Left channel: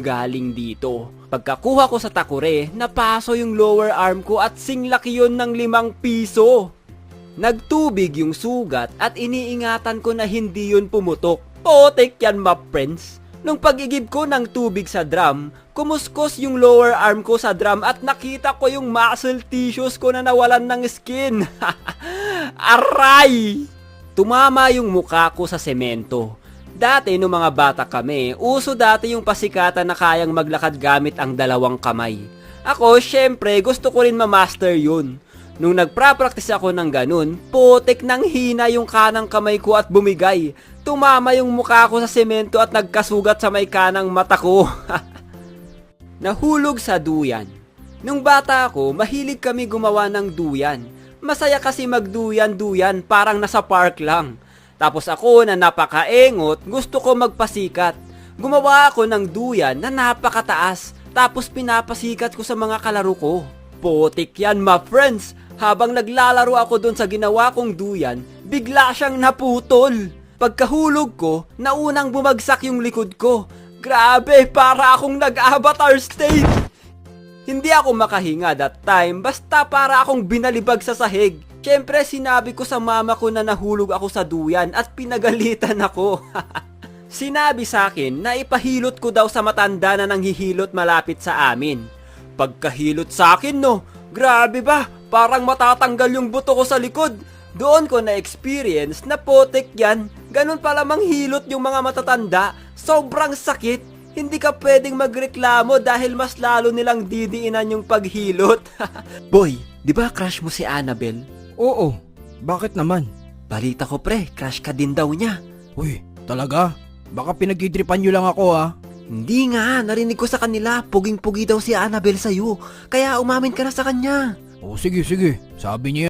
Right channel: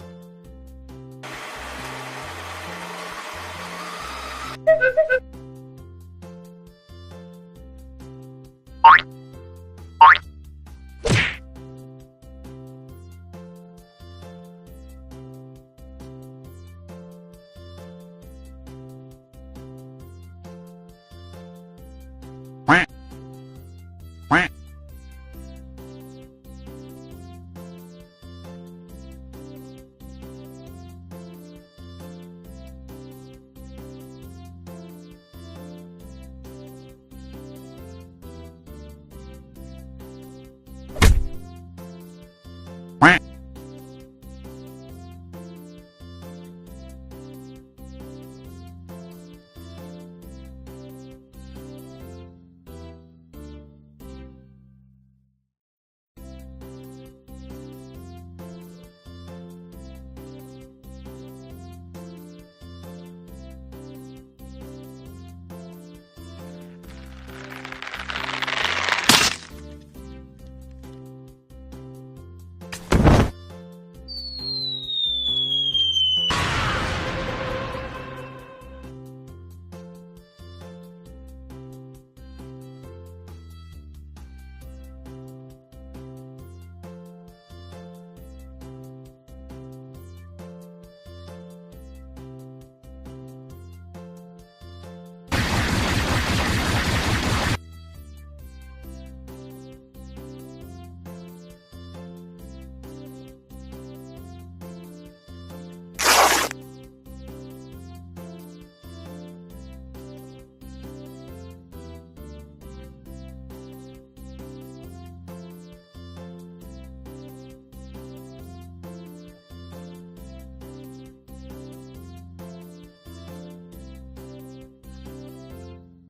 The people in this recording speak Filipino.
galing dito. Pagkakuha ko sa takure, napaso yung lower arm ko at singlaki yun ng 5 piso. Nagtubig yung sugat at iniingatan ko na hindi yun pumutok. Potek yan, ma friends. Nung pag-igib ko ng tubig sa drum, kumuskos yung lower arm ko sa drum at nakita ko yung muscle tissues ko na nawalan ng skin. Aray! Tumama yung mukha ko sa semento. Dati nung mga bata kami, uso dati yung pasikatan na kayang maglakad gamit ang 2 kamay. Ako, syempre, gusto ko rin ma-master yun. Nung nagpra-practice ako ng ganun, putik nang hina yung kanang kamay ko at bumigay. Tumama yung mukha ko sa semento at nagkasugat sa may kanang mata ko. Nahulog sa duyan. Nung bata ako, mahilig kami gumawa ng duyan. Masaya kasi magduyan-duyan, parang nasa park lang. Tapos ako na napakaengot, gusto ko magpasikat. Gumawa ako ng duyan na napakataas, tapos pinapasikat ko sa mga kalaro ko. Putik yan, ma friends. Habang naglalaro ako dun sa ginawa kong duyan, bigla siyang naputol. Pagkahulog ko, naunang bumagsak yung likod ko. Grabe, para akong nag-avatar state. Hindi ako makahinga that time, basta para akong binalibag sa sahig. Siyempre sinabi ko sa mama ko na nahulog ako sa duyan at pinagalitan ako. Sinabi sa akin na ipahilot ko daw sa matanda na nanghihilot malapit sa amin. Pagkahilot sa akin no, grabe ba? Parang matatanggal yung buto ko sa likod. Doon ko na-experience na potek yan. Ganun pala manghilot yung mga matatanda. Sobrang sakit. Hindi ka pwedeng magreklamo dahil mas lalo nilang didiinan yung paghilot. Boy, di ba crush mo si Annabelle? Oo, bakit naman? Balita ko pre, crush ka din daw niya. Uy, talaga? Baka pinagidripan nyo lang ako ah. Hindi nga, narinig ko sa kanila, puging-pugi daw si Annabelle sa'yo. Kaya umamin ka na sa kanya. O sige, sabi niya